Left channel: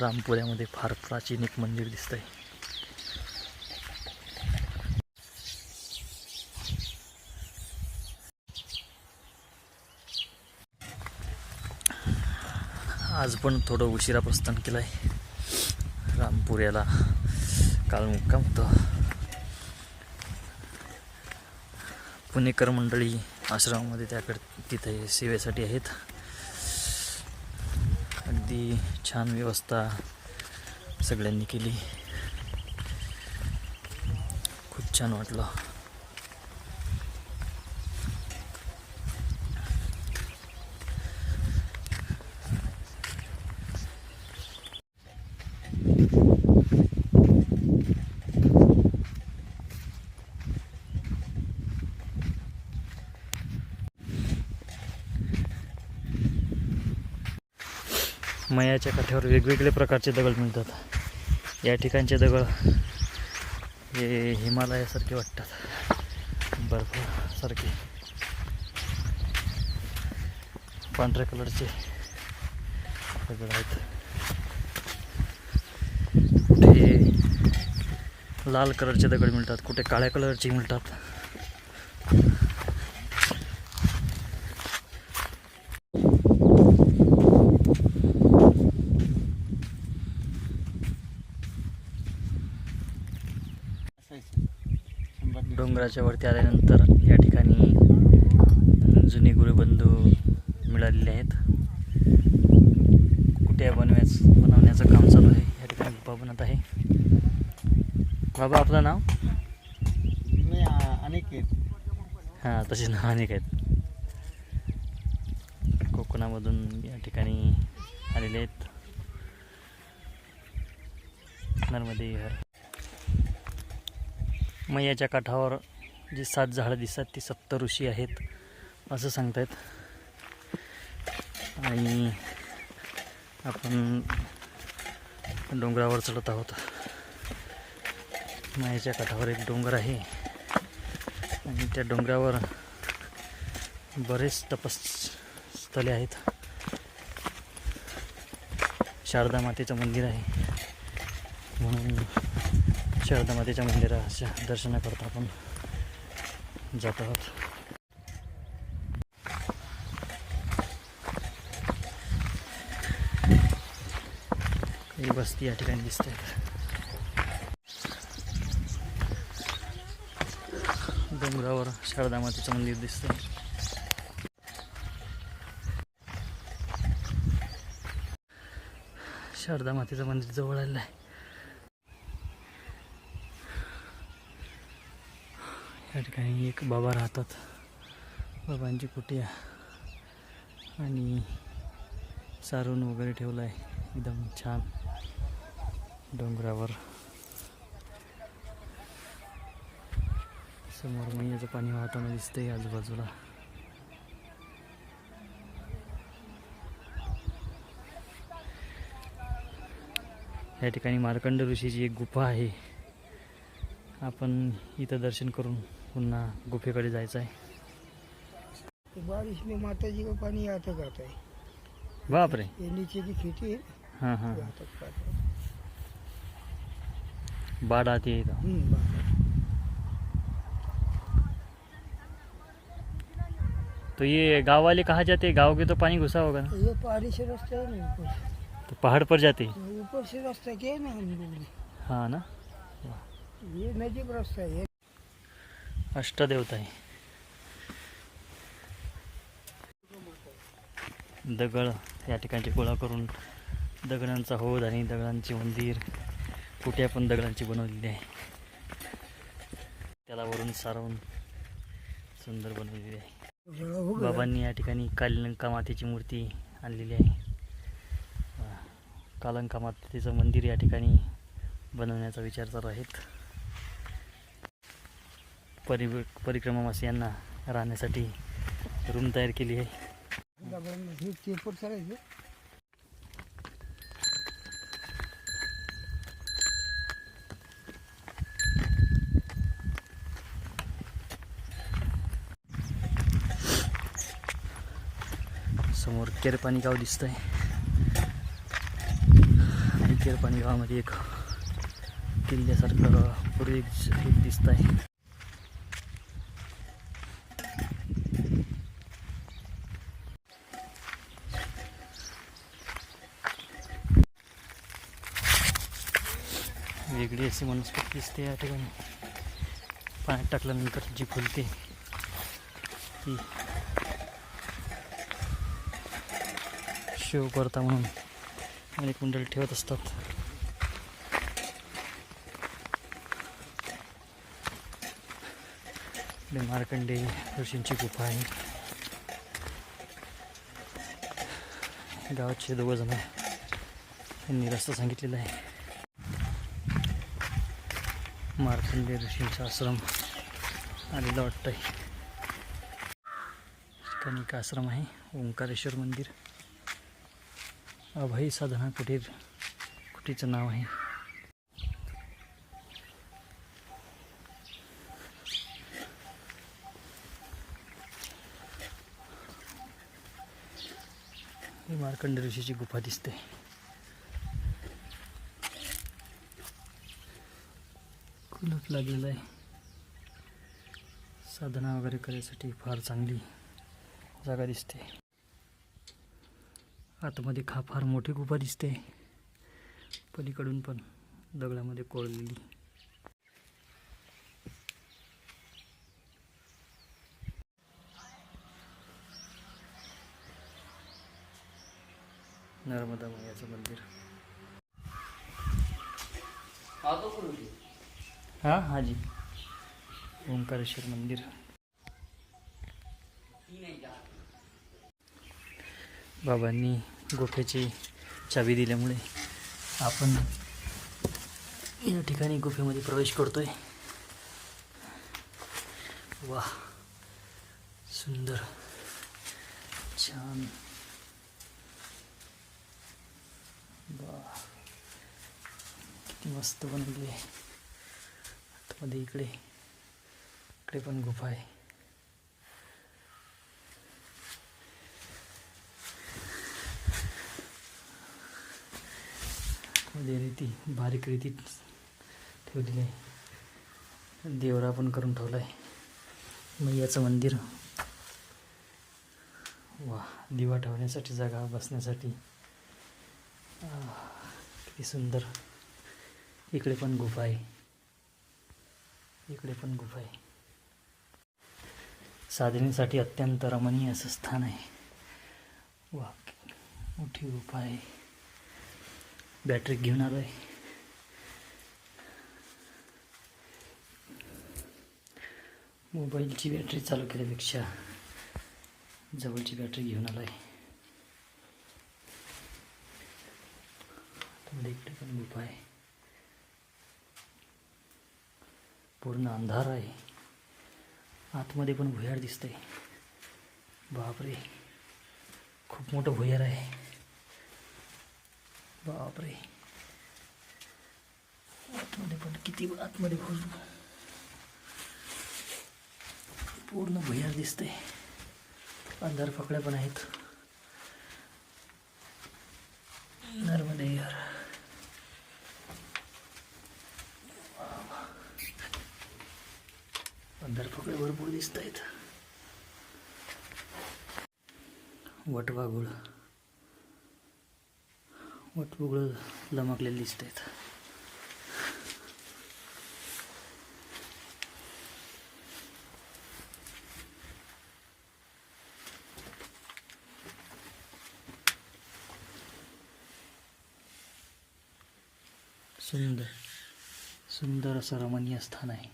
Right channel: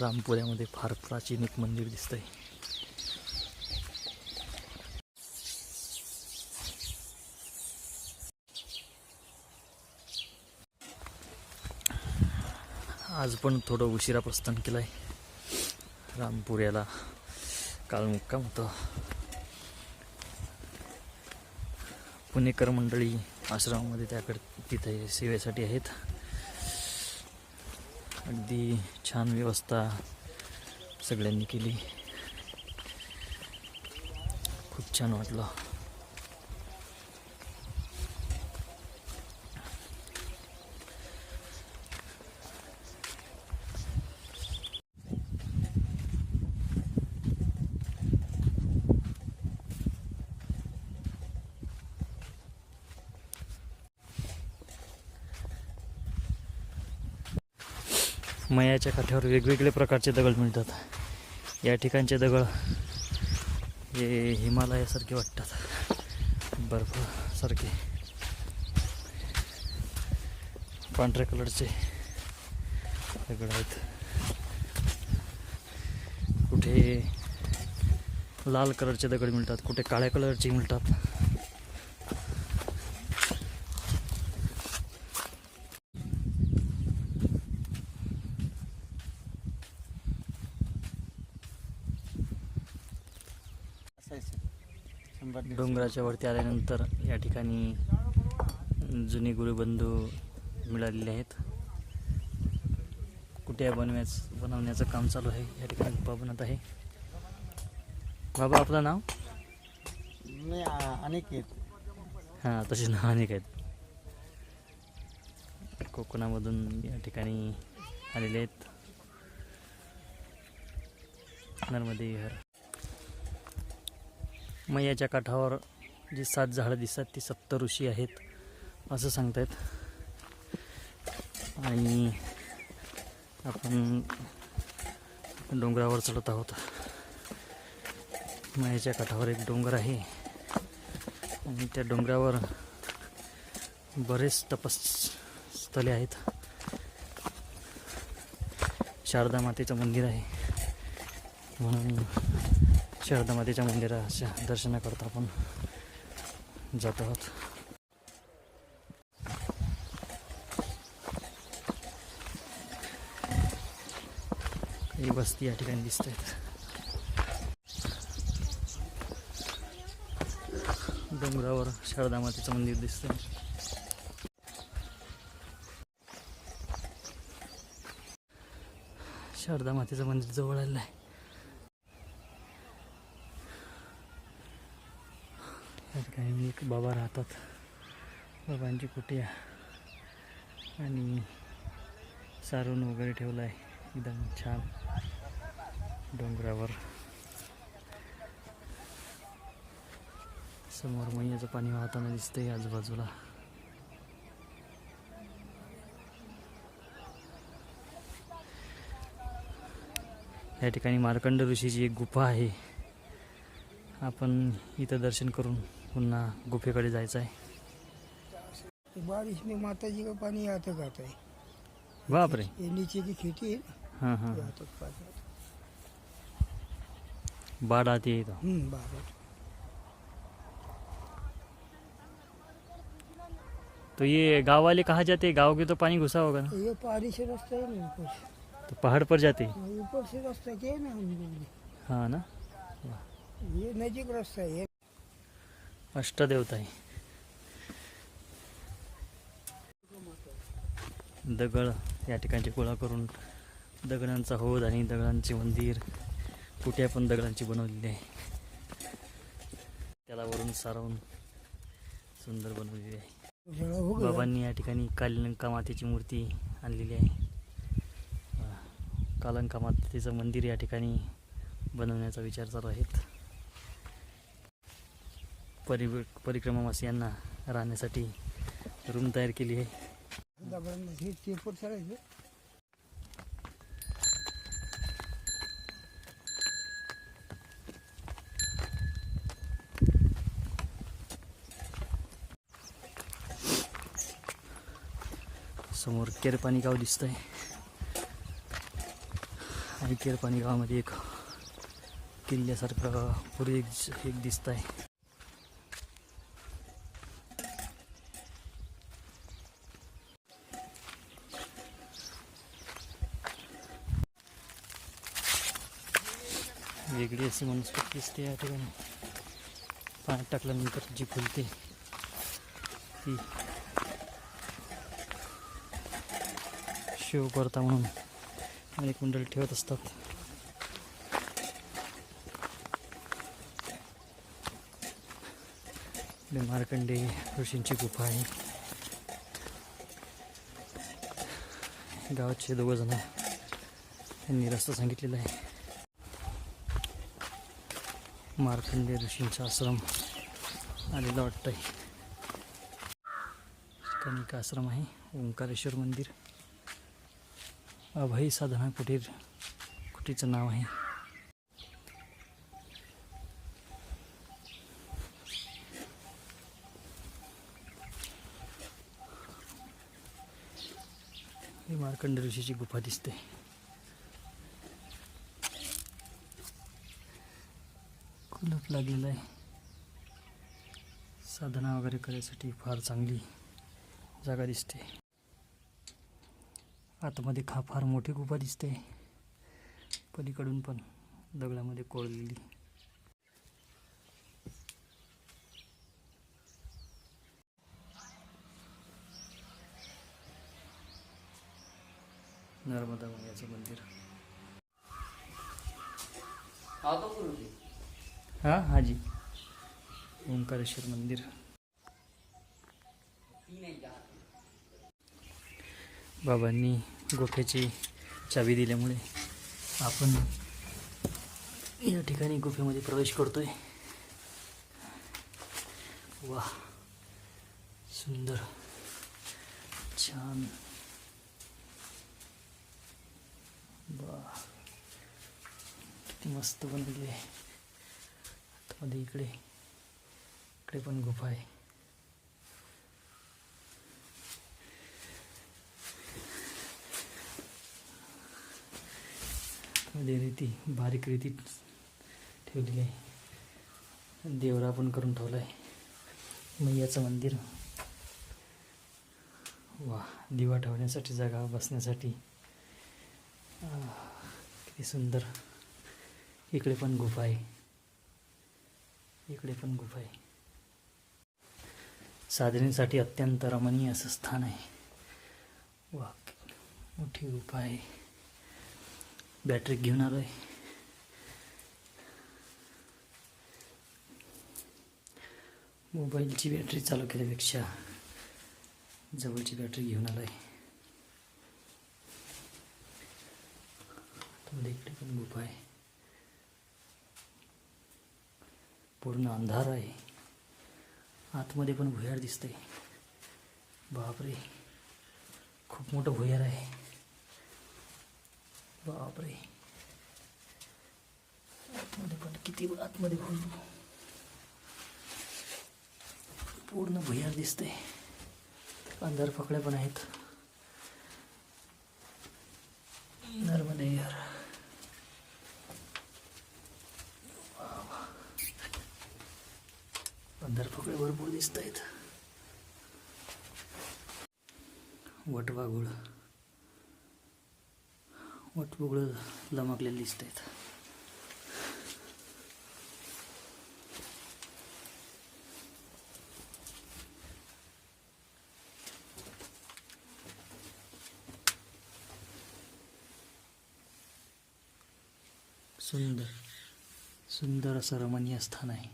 रामपुऱ्यामध्ये फार प्राचीन एक मंदिर दिसतंय. आज पण थोडं उशिरा प्रस्थान केलं आहे रामपुऱ्याला काल मुक्काम होतं. पुणेकर मंडळी आश्रमामध्ये त्याकडे तिथे सेवेसाठी आहेत. अगदी छान व्यवस्था सगळ्यांनी केली. खूप छान वाटलं. मयाच्या काठ्यावर वेगवेगळे प्रकारचे दगड मिळतात. या ठिकाणचे दगड हे हिमालयासारखे वाटतात. बर्फासारखे. पांढऱ्या कलरचे दगड आहेत. कुठे लाल कलरचे दगड मिळतात कुठे काळ्या कलरचे मिळतात. डोंगराच्या वरती आल्यानंतर या ठिकाणी जुने गुरुबंधू मिळालेले आहेत. कुट्या बनव्याच बनवण्याचं काम चालू आहे या ठिकाणी बाबा बनत आहे. बाबा आपलं नाव? मी अनिकेत. हां तसे नाव अनेक आहेत कोकणामधून या ठिकाणी आलेले आहेत. नर्मदे विहार मैयाच्या काठावर जी सात झाडं दिसतात ती सप्त ऋषी आहेत असं सांगतायत. आणि आपण डोंगरावर चढत आहोत. मायाच्या काठावर एक डोंगर आहे. आणि त्या डोंगरावर बरेच तपस्थले आहेत. शारदा मातेचं मंदिर आहे. म्हणून शारदा मातेच्या मंदिराच्या दर्शनाकरता आपण जात आहोत. काही वस्ती या ठिकाणी दिसत आहेत डोंगरावर शारदा मातेचं मंदिर दिसत शारदा मातेचं मंदिर जवळ आलेलं आहे. या ठिकाणी एक बाबा राहतात. बाबांची कुटिया आणि सारून वगैरे ठेवलं आहे एकदम छान डोंगरावर. समोर मैयाचं पाणी वाहताना दिसतंय आजूबाजूला. या ठिकाणी मार्कंड ऋषीची एक गुफा आहे. आपण इथं दर्शन करून पुन्हा गुफेकडे जायचं आहे. बारिश में माता जी का पानी आते जाता है बापरे. ये नीचे की खेती है. हाँ हाँ। बाढ़ आती है इथं. हम्म, तो ये गाँव वाले कहाँ जाते? हैं गाँव के तो पानी घुसा होगा ना. तो ये पहाड़ी से रास्ता है ना ऊपर. तो पहाड़ पर जाते. हैं ऊपर से रास्ता क्या है ना। हाँ ना? ये नजीक रास्ता है. अष्टदेवता आहे दगड या ठिकाणचे गोळा करून दगडांचा होद आणि दगडांचे मंदिर कुठे पण दगडांची बनवलेली आहे त्याला वरून सारवून सुंदर बनवलेली आहे. बाबांनी या ठिकाणी कालिंका मातेची मूर्ती आणलेली आहे. कालंका मातेचं मंदिर या ठिकाणी बनवण्याचा विचार चालू आहेत. परि परिक्रमावासियांना राहण्यासाठी रूम तयार केली आहे. समोर केरपाणी गाव दिसतंय. आणि केरपाणी गावामध्ये एक किल्ल्यासारखं पूर्वी एक दिसत आहे वेगळी अशी वनस्पती दिसते या ठिकाणी. पाण्यात टाकल्यानंतर जी फुलते ती शिवकर्ता म्हणून अनेक मंडळी ठेवत असतात. मार्कंडे ऋषींची गुफा आहे. गावाचे दोघं जण त्यांनी रस्ता सांगितलेला आहे. मार्कंडे ऋषींचा आश्रम. आलेला वाटतंय ठिकाणी एक आश्रम आहे ओंकारेश्वर मंदिर. अभय साधना कुटीर कुटीचं नाव आहे. ही मार्कंड ऋषीची गुफा दिसते. कुलूप लागलेलं आहे. साधना वगैरे करायसाठी फार चांगली जागा दिसते. आतमध्ये खा फार मोठी गुफा दिसते. पलीकडून पण दगडामध्ये कोरलेली. नर्मदा मैयाचं मंदिर. हा हाजी ओंकारेश्वर मंदिर। बाबांनी गुफेची चावी दिल्यामुळे आपण या ठिकाणी गुफेमध्ये प्रवेश करतोय. वा सुंदर, छान. वा किती मस्त बनवली मध्ये इकडे इकडे पण गुफा आहे. मध्ये रीती बारीक रीती ठेवलेली आहे. देवरा पण करून ठेवला आहे. मैयाचं मंदिर. वा दिवा ठेवण्यासाठी जागा बसण्यासाठी. किती सुंदर. इकडे पण गुफा आहे. इकडे पण गुफा आहे. साधनेसाठी अत्यंत रमणीय असं स्थान आहे. वा मोठी गुफा आहे. बॅटरी घेऊन आलो आहे मोबाईलची बॅटरी चालू केल्यापेक्षा जवळची बॅटरी घेऊन आलो आहे इकडे पण गुफा आहे. पूर्ण अंधार आहे. आतमध्ये पण भुयार दिसतंय. बापरे. खूप मोठं भुयार आहे. बापरे. आतमध्ये पण किती आतमध्ये खोल पूर्ण भुयार दिसतंय. अंधार फकड्या पण आहेत. नर्मदे भरपूर दिसत आहेत वटवाघुळ. वटवगळं लमकलेले दिसत आहेत सुंदर सुंदर असं रमणीय स्थान आहे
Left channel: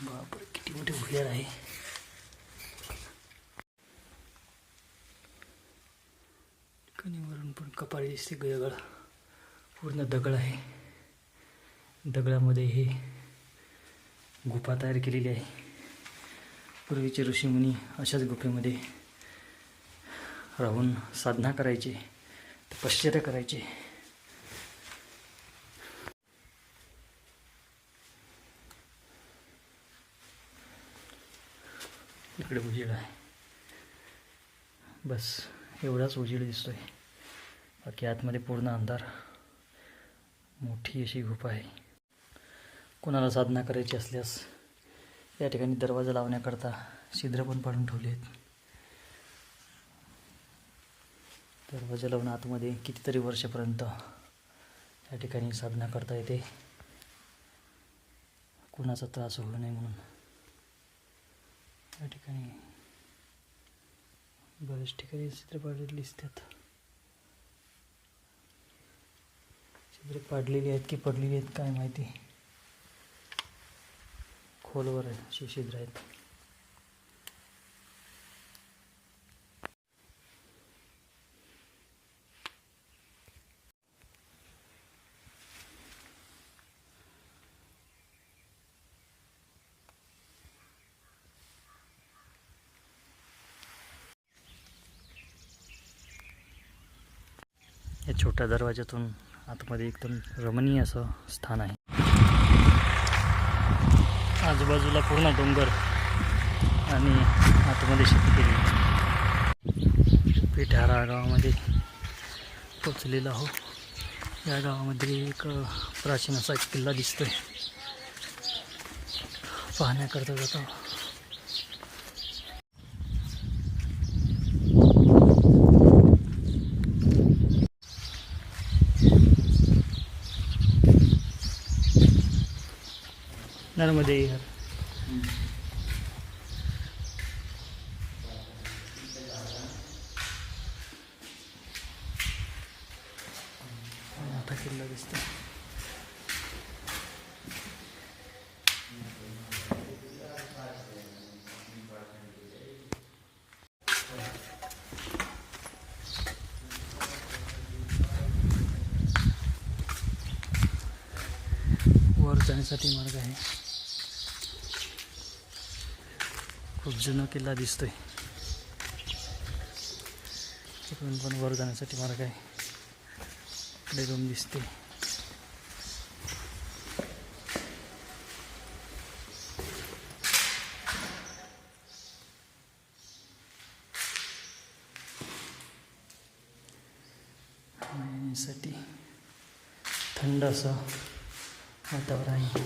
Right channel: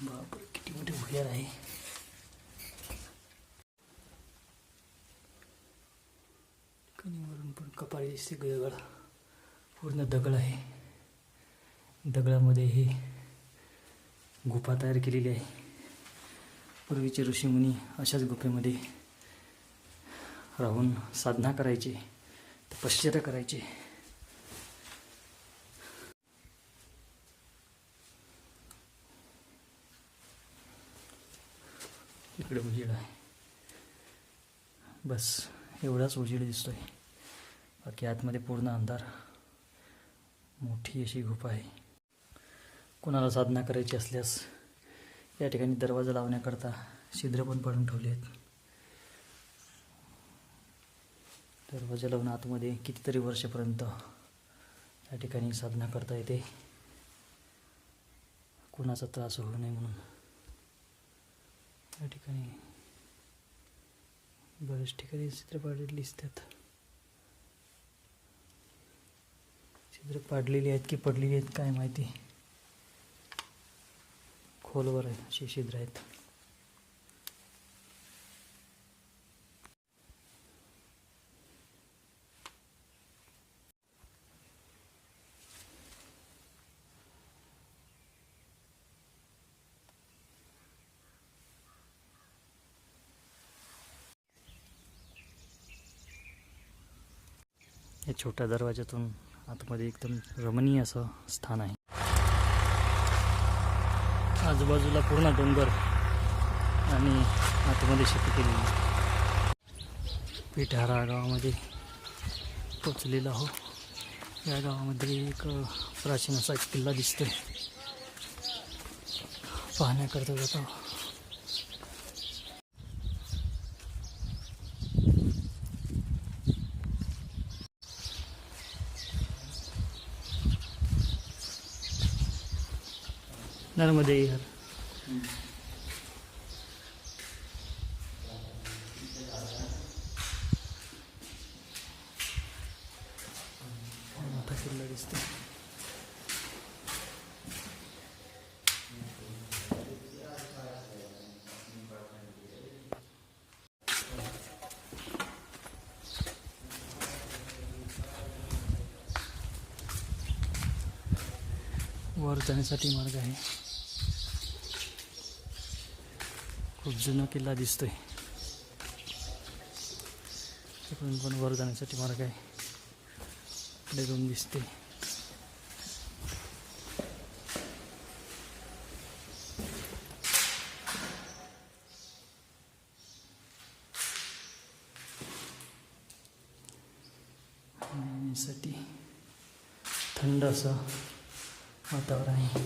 बापरे किती मोठे भुयार आहे कणीवरून पण कपाळी दिसते दगड पूर्ण दगड आहे. दगडामध्ये हे गुफा तयार केलेली आहे. पूर्वीचे ऋषीमुनी अशाच गुफेमध्ये राहून साधना करायचे तपश्चर्या करायचे. इकडे उजेड आहे. बस एवढाच उजेड दिसतोय. बाकी आतमध्ये पूर्ण अंधार. मोठी अशी गुफा आहे. कोणाला साधना करायची असल्यास या ठिकाणी दरवाजा लावण्याकरता छिद्र पण पाडून ठेवले आहेत. दरवाजा लावून आतमध्ये कितीतरी वर्षापर्यंत या ठिकाणी साधना करता येते. कुणाचा त्रास होऊ नये म्हणून. या ठिकाणी बरेच ठिकाणी चित्र पाडलेली दिसतात. चित्र पाडलेली आहेत की पडलेली आहेत काय माहिती? खोलवर आहे अशी छिद्र आहेत. या छोट्या दरवाज्यातून आतमध्ये एकदम रमणीय असं स्थान आहे. आजूबाजूला पूर्ण डोंगर आणि आतमध्ये शेती केली पिठारा गावामध्ये पोचलेलो आहो. या गावामध्ये एक प्राचीन असा एक किल्ला दिसतोय. पाहण्याकरता जातो नर्मदे यार मोठा किल्ला दिसतो वर जाण्यासाठी मार्ग आहे. खूप जुना किल्ला दिसतोय. तिकडून पण वर जाण्यासाठी मार्ग आहे इकडे रूम दिसते. साठी थंड असं वातावरण आहे.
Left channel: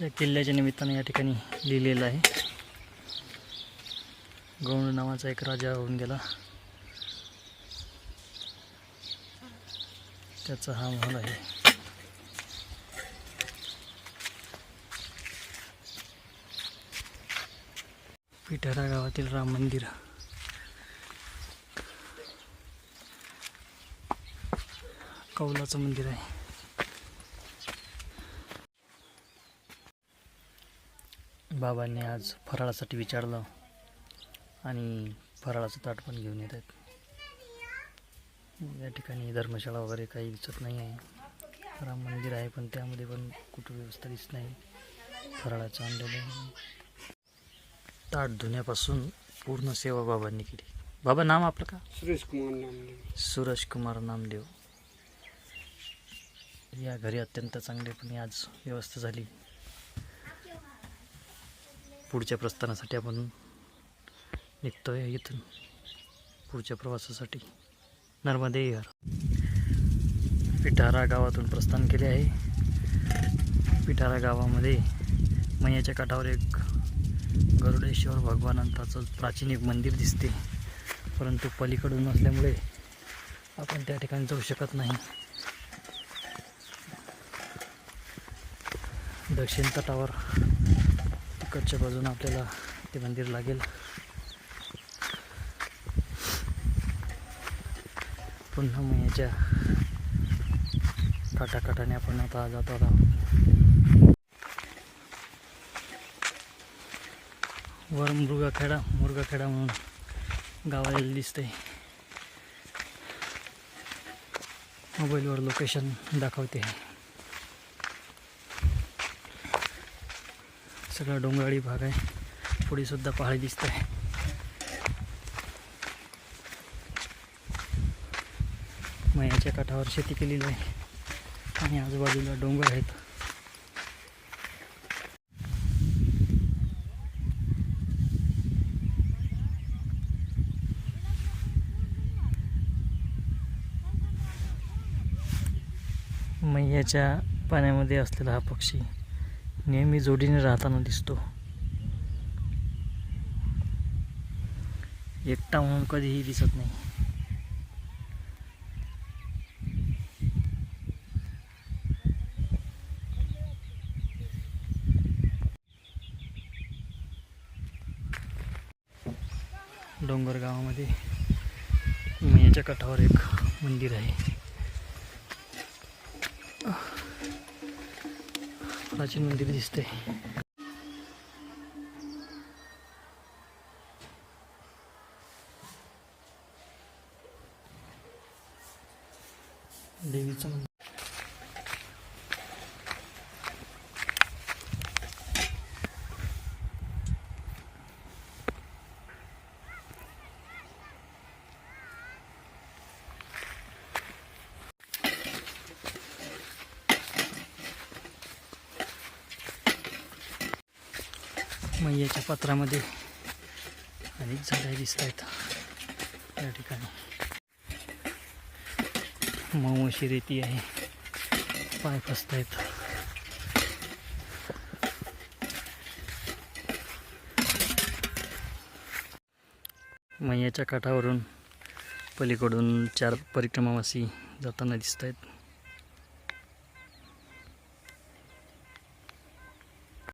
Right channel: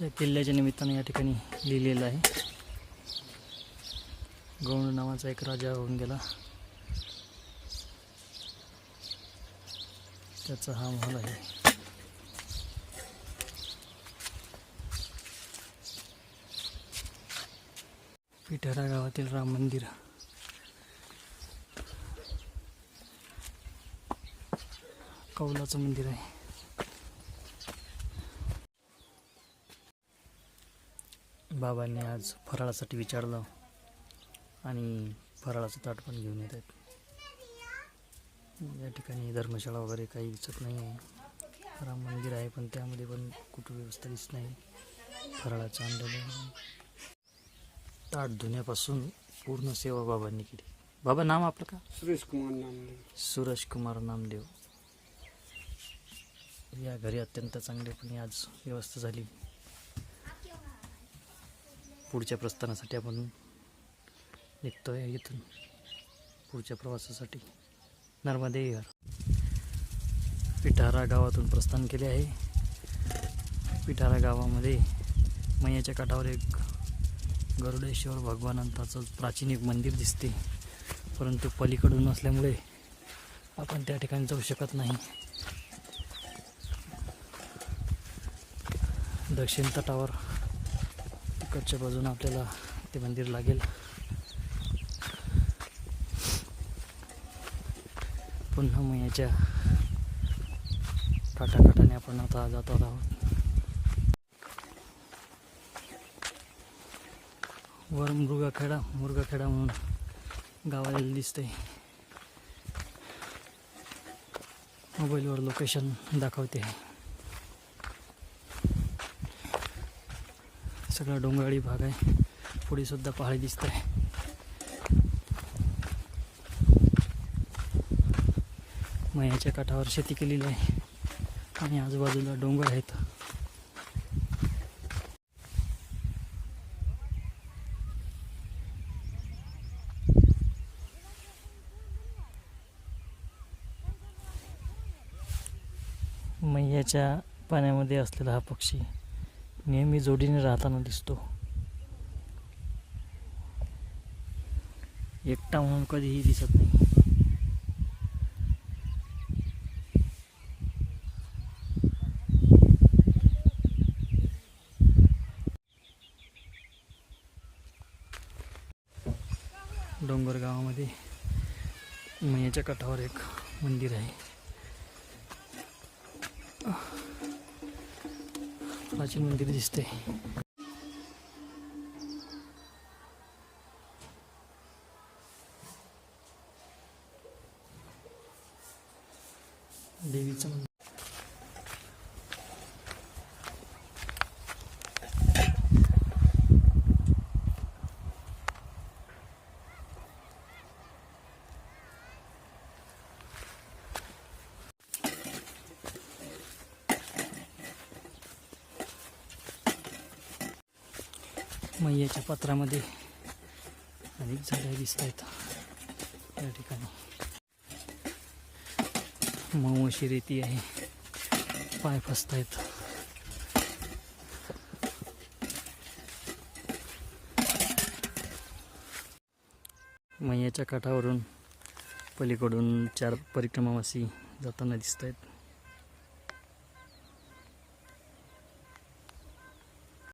या किल्ल्याच्या निमित्तानं या ठिकाणी लिहिलेलं आहे. गौंड नावाचा एक राजा होऊन गेला. त्याचा हा महल आहे. पिठारा गावातील राम मंदिर. कौलाचं मंदिर आहे. बाबांनी आज फराळासाठी विचारलं आणि फराळाचं ताट पण घेऊन येत आहेत. या ठिकाणी धर्मशाळा वगैरे काही दिसत नाही आहे. राम मंदिर आहे पण त्यामध्ये पण कुठं व्यवस्था दिसत नाही. फराळाचं आणलेलं ताट धुण्यापासून पूर्ण सेवा बाबांनी केली. बाबा नाम आपलं का? सुरेश कुमार नामदेव. सूरज कुमार नामदेव. या घरी अत्यंत चांगलेपणे आज व्यवस्था झाली. पुढच्या प्रस्थानासाठी आपण निघतोय इथून पुढच्या प्रवासासाठी. नर्मदे विहार. पिठारा गावातून प्रस्थान केले आहे. पिठारा गावामध्ये मैयाच्या काठावर एक गरुडेश्वर भगवानंताचं प्राचीन एक मंदिर दिसते. परंतु पलीकडून असल्यामुळे आपण त्या ठिकाणी जाऊ शकत नाही. दक्षिण तटावर तिकडच्या बाजून आपल्याला ते मंदिर लागेल. पुन्हा मग काटाकाटाने आपण आता जातो आहोत वर मृगखेडा मुरगाखेडा म्हणून गावाला दिसतंय. मोबाईलवर लोकेशन दाखवते. सगळा डोंगराळी भाग आहे. पुढे सुद्धा पहाडी दिसत आहे मयाच्या काठावर शेती केलेली आहे. आणि आजूबाजूला डोंगर आहेत. मैयाच्या पाण्यामध्ये असलेला हा पक्षी नेहमी जोडीने राहताना दिसतो. एकटा म्हणून कधीही दिसत नाही. डोंगर गावामध्ये मैयाच्या काठावर एक मंदिर आहे. प्राचीन मंदिर दिसते देवीचं मंदिर मैयाच्या पत्रामध्ये अनेक झाडे दिसत आहेत या ठिकाणी. मऊ अशी रेती आहे. पाय फसत आहेत मैयाच्या काठावरून पलीकडून चार परिक्रमावासी जाताना दिसत आहेत